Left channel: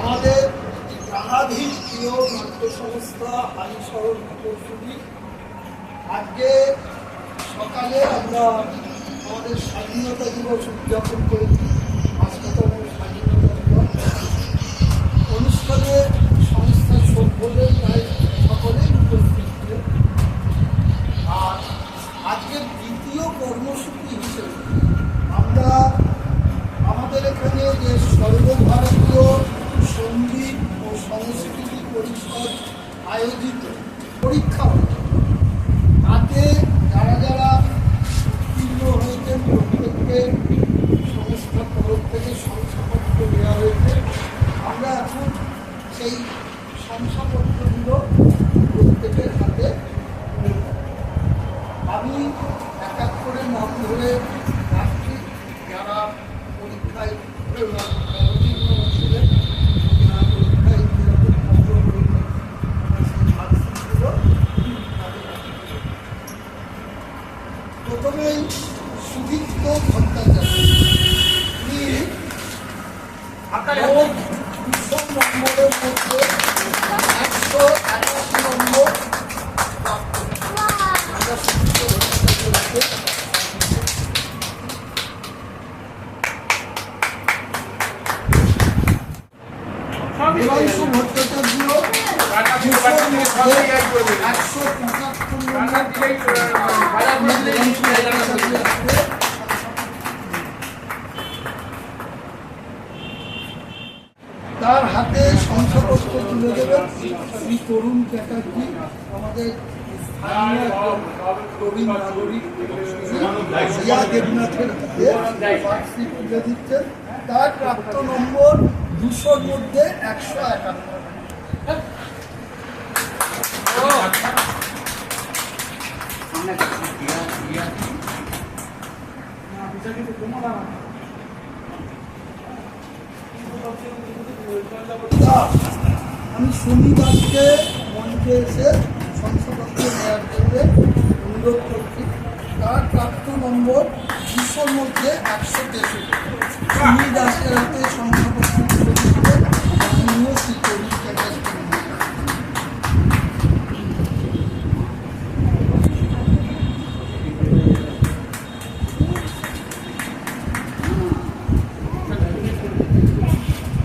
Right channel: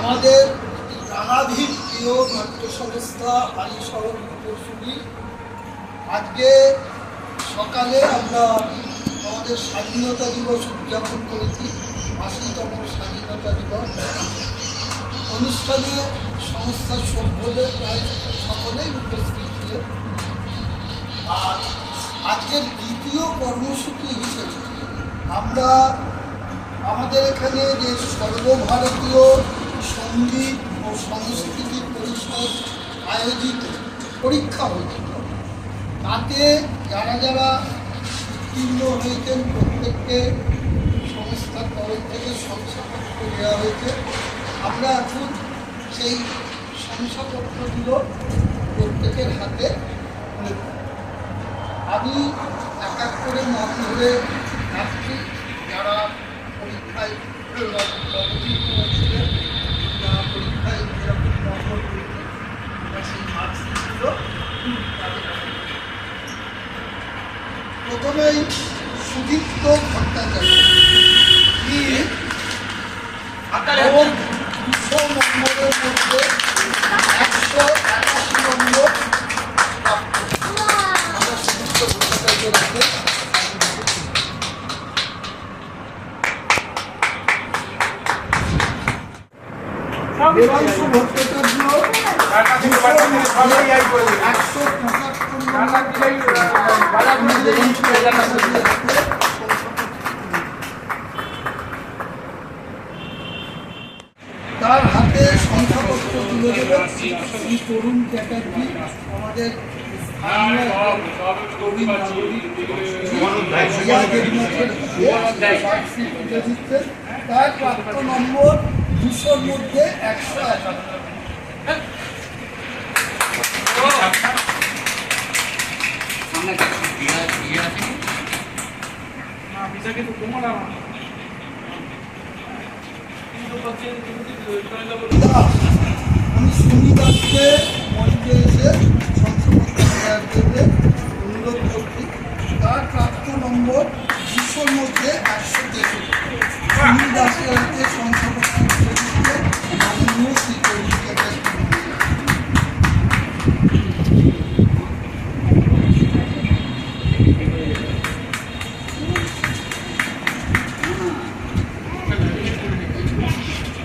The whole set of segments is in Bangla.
আমাদের প্রাণাধীন প্রিয় নাট্য সংস্থা হালিশহর প্রকৌশলী আজকে সকালে আমরা আমাদের স্বাধীনতা দিবস উদযাপন করেছি, ৮০তম স্বাধীনতা দিবস অনুষ্ঠানে সংস্থার সভ্যদের প্রায় সকলেই উপস্থিত ছিলেন। আর আজকের দ্বিতীয় কর্মসূচি হিসেবে আমরা আমাদের এখানে যে সর্বভারতীয় সঙ্গীত ও সংস্কৃতি পরিষদ আয়োজিত পরীক্ষা হয়েছিল, তাতে যারা যারা উত্তীর্ণ হয়েছেন প্রত্যেককে সংস্থার তরফ থেকে শংসাপত্র দেওয়া হয়েছে। আমরা এখন সেই শংসাপত্রগুলো প্রত্যেকের হাতে আমি এক এক করে নাম ধরে রাখছি যারা পরীক্ষায় অবতীর্ণ হয়েছিলেন, পরীক্ষায় যেরকম নম্বর পেয়েছেন আমরা সেই মার্কশিটগুলো প্রথমেই সুদীপ্ত ভট্টাচার্য 200 নম্বরের মধ্যে 181 নম্বর প্রাপ্ত। আমরা সুদীপ্ত ভট্টাচার্যকে দেবাংশু ভট্টাচার্য 175 তার হাতে শংসাপত্র তুলে দেবেন শ্রী তরুণ চ্যাটার্জি, আমাদের প্রবীণ নাগরিক জিয়া দেবনাথের তুলে দিচ্ছেন। তার প্রাপ্ত নম্বর 200-র মধ্যে 151। আমি সুমি দাসকে মঞ্চে এসে শংসাপত্র দেওয়ার জন্য অনুরোধ করছি। তার প্রাপ্ত নম্বর 200-র মধ্যে 163। সুমি দাসের হাতে শংসাপত্র তুলে দিচ্ছে মাননীয় শ্রী তরুণ চ্যাটার্জি।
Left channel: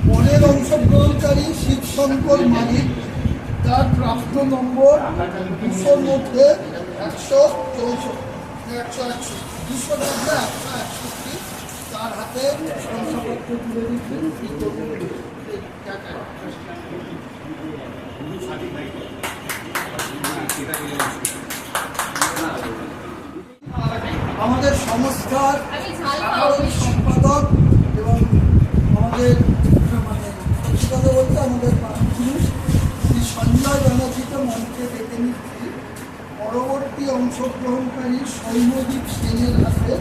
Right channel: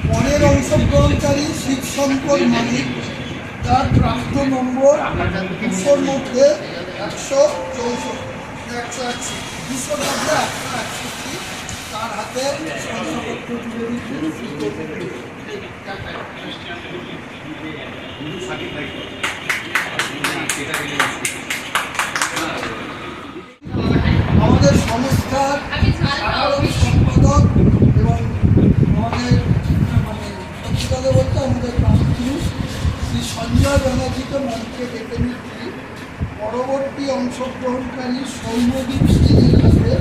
পরের অংশগ্রহণকারী শিবশঙ্কর মালিক, তার প্রাপ্ত নম্বর 200-র মধ্যে 164, 200-র মধ্যে 161। তার হাতে শংসাপত্র তুলে দিচ্ছেন আমাদের সংস্থার সাধারণ সম্পাদক এবং আমাদের সত্যি বলতে আমাদের প্রাণপুরুষ শ্রী সঞ্জয় ব্যানার্জিকে মঞ্চে ডেকে নিচ্ছি। পরবর্তী অংশগ্রহণকারী সৌম্যদীপ সেনের হাতে